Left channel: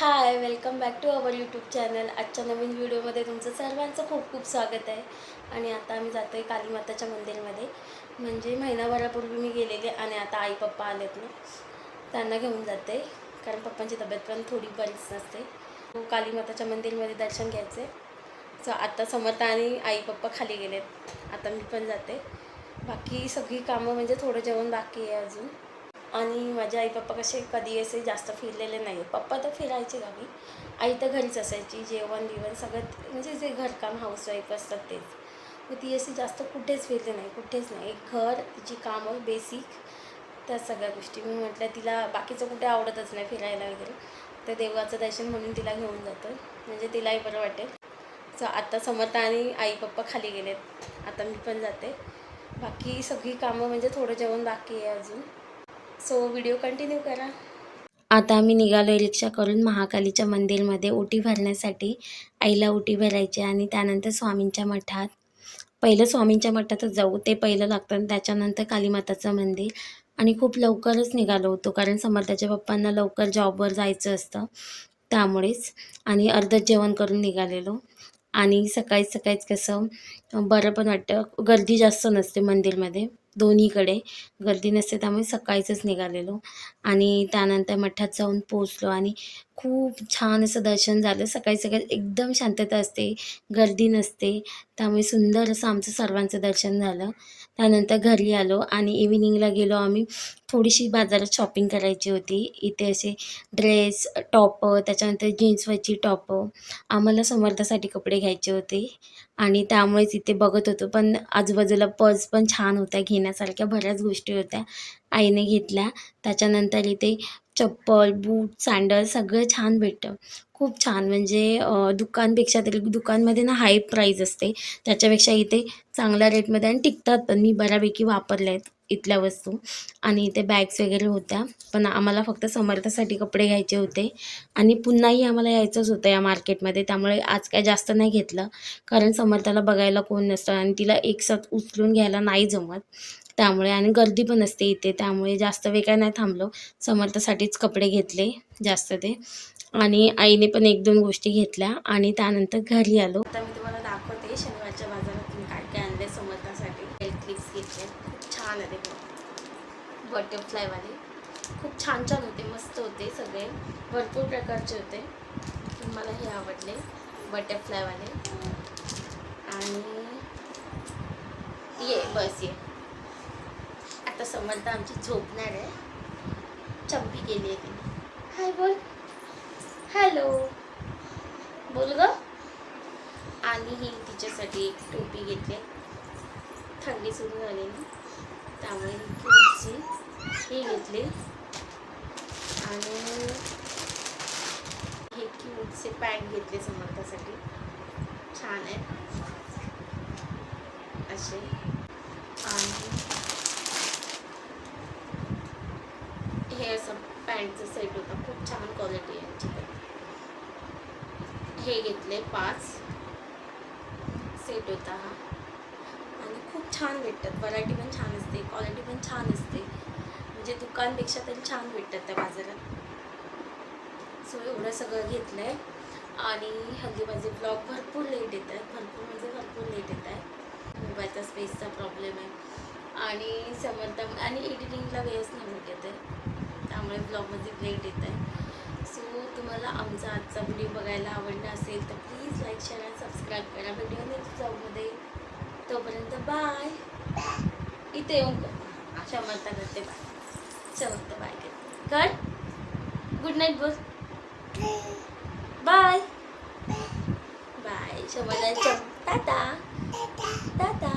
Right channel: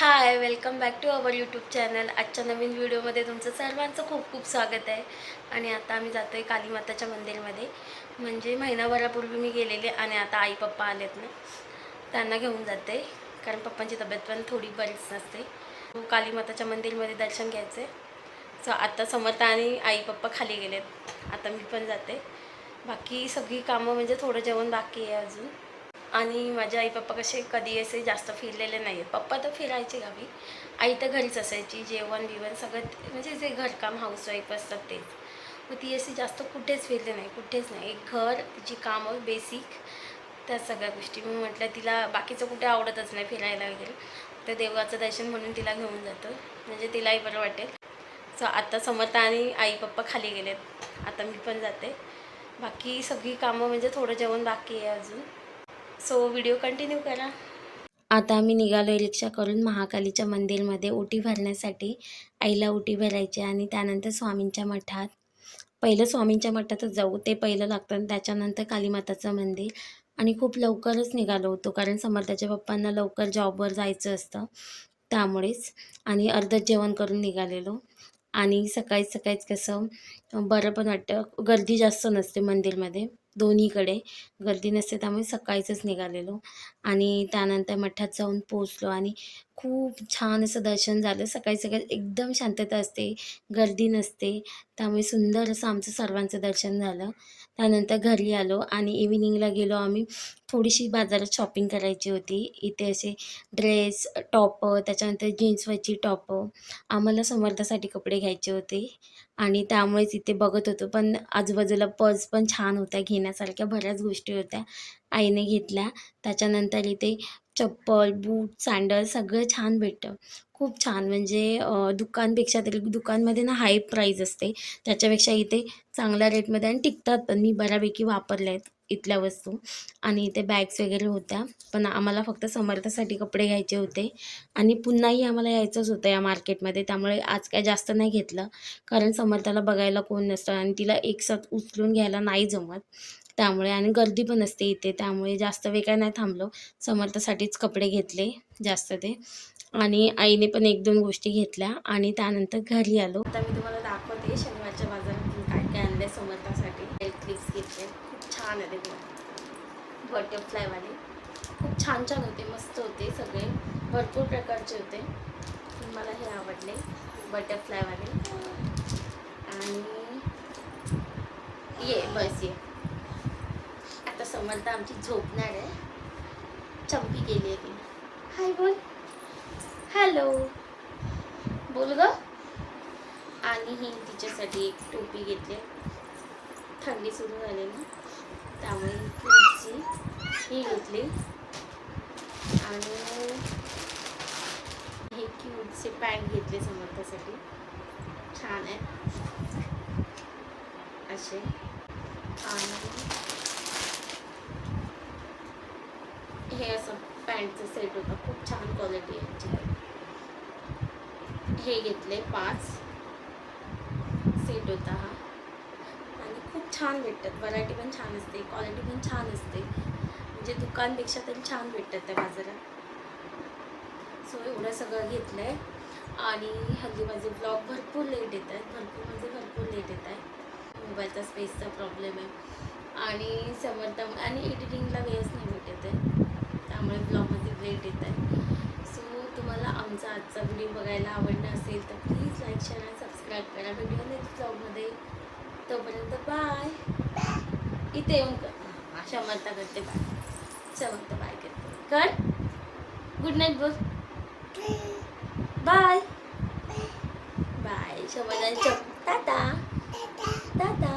High, welcome back to our YouTube channel. आजच्या नवीन व्हिडिओमध्ये तुमचं सर्वांचं खूप खूप स्वागत आहे. आणि आता आम्ही जातो आहे कालीमाताच्या मंदिरमध्ये. म्हणजे महिनाभरापूर्वी मी गेलेले आणि आता आई पप्पा आलेत ना, त्यांना घेऊन जाते. कारण पप्पांची तब्येत पण थोडी बरीच नसते. कालीमाताच्या मंदिरमध्ये दर्शन घ्यायचे. सो आता समर्थ आणि आई पप्पा खाली गेलेत. आता मी पण जाते. बाकी सगळी कामं म्हणजे थोडं जेवण बाकी आहे अजून. आणि माझे आई पप्पा कसे कधी असे जास्त फिरलेले नाही आहेत. पप्पा तर फिरायचे गावी, आई तर घरीच असायची. जेवण बिवण सगळं म्हणजे जे घरकाम हाऊसवाईफ असतात तेच. मग ती अशी जास्त कुठेच फिरले नाही, कुठेच नाही. एक घर, तिची कामं बेसिक, त्या सगळ्या गोष्टी. मी म्हटलं तिला बाकीचं कुठे आवडतच नाही फिरायला वगैरे, तर देवाचं दर्शन म्हणून तिला घेऊन जातो, म्हणजे तिलाही बरं वाटेल. सो आता समर्थ आणि आई पप्पा खाली गेलेत. आता मी पण जाते. बाकी सगळी कामं म्हणजे थोडं जेवण बाकी आहे अजून. सो व्हिडिओ कंटिन्यू करा. आता आम्ही निघालो रिक्षा करून महाकालीच्या मंदिरमध्ये ओटी भरण्यासाठी. आईला ओटी भरायची आणि त्यानंतर स्वामींच्या मठात. पहिलं स्वामींच्या मठातच जाऊ, ते पहिलं लागतं आणि त्याच्यानंतर कालीमाताचं मंदिर. आणि खूप लवकरच निघालो होतो कारण समर्थाच्या पप्पांना लवकर जॉबवर जायचं असतं, त्यामुळेच. आणि अर्धच जेवण करून निघालेलो. आणि सकाळीच कसं बरं पण वाटतं, गर्दी जास्त नसते मंदिरमध्ये, दोन्हीकडे गर्दी नसते, त्यामुळे सकाळीच निघालेलो. आणि त्यानंतर मठात जाऊन पोचलो आणि खूप छान असं दर्शन झालं. सकाळी एकदम शांतता असते, गर्दी नसते, त्यामुळे सुंदर असं आमचं सर्वांचं दर्शन झालं. त्यानंतर घरी आलो आणि इव्हिनिंगला गेलो आम्ही. थोडीशी बाजारात शॉपिंग करायची होती. इथे असे ड्रेस, टॉपं, त्याच्यानंतर जीन्सवरची टॉपं, आम्हाला समर्थासाठी कपडे घ्यायचे होते. आणि त्यामुळेच इथे बघत होतो. पण आजूबाजूला पर्स पण छान होत्या, घेण्यासारख्या बऱ्याच गोष्टी होत्या, आईने घेतल्या. त्याच्यानंतर इथे चप्पल, बूट, सँडल सगळं छान भेटतं. खूप छान, म्हणजे दुकानपेक्षा तरी दुकानमध्ये ना हाय प्राईज असते, त्याच्यापेक्षा इथे चांगल्या रेटमध्ये आणि टिकतात पण. मी बऱ्यापैकी वापरल्या आहेत इथल्या वस्तू. आणि इथे बॅग्स वगैरे होत्या. पण आम्हाला फक्त समर्थासाठी कपडे घ्यायचे होते आणि पुन्हाही आम्हाला यायचंच होतं या मार्केटमध्ये, त्यामुळे आज काय जास्त नाही घेतलं. कारण समर्थाला बघायला कोण नसतं आणि तिला एकसाथ उचलून घ्यायला नाही जमत, त्यामुळे. आणि गर्दी पण असते इथे, त्यामुळे जास्त वेळ काय नाही थांबलो. समर्थासाठीच कपडे घेतले जास्त ते. आणि आईने पण 1-2 गोष्टी घेतल्या आणि त्यानंतर घरी आलो. आता मी तुम्हाला दाखवते शनिवारच्या बाजारातून काय काय आणले समर्थासाठी. हेअर क्लिप्स घेतले, खूप छान आहे ते बटरफ्लायवाले. खूप छान छान होते, मस्त होते सगळे, भरपूर प्रकारचे होते. मला हे आवडले बटरफ्लायवाले. आणि बस ये. आता समर्थ आमची झोपणार आहे. चंपी गेली आहे तिने. हाय बोल, हॅलो बोल ग. आणि ही तिच्यासाठी एक टोपी घेतली, थंडी सुरू झाली ना, त्यामुळे क्यूटची ही घेतली. आणि हे क्यूटचे पॅन्ट घेतले समर्थासाठी, छान आहेत असे. आणि हे असं पॅन्टचं सेट होता, खूप छान क्वालिटी आहे याची. हे घेतले 5 सेट होता हा. आणि खूप छान भेटतात, व्हरायटी पण छान असते, क्वालिटी पण छान असते, म्हणजे दुकानपेक्षा तरी छान भेटतात त्या बाजारात. सो एवढं सगळं घेतलं आहे. आणि हल्ली माझे ब्लॉग भरपूर लेट येत आहेत, भरपूर लेट येत आहे. मोबाईलचा स्पेसचा प्रॉब्लेम आहे आणि समर्थ आणि एडिटिंगला वेळच नाही भेटत आहे, त्यामुळे ब्लॉगमध्ये लेट येत आहे. सो तुम्हाला आमचा आजचा व्हिडिओ बघायला आवडला असेल तर प्लीज लाईक, शेअर आणि सबस्क्राईब करा. व्हिडिओ नेक्स्ट ब्लॉगमध्ये. तोपर्यंत बाय. इथे येऊन कर, समर्थ करते बाय. समर्थ बाय करते, कर गुड नाईट बोल. Bye bye. Samarth tata Tata.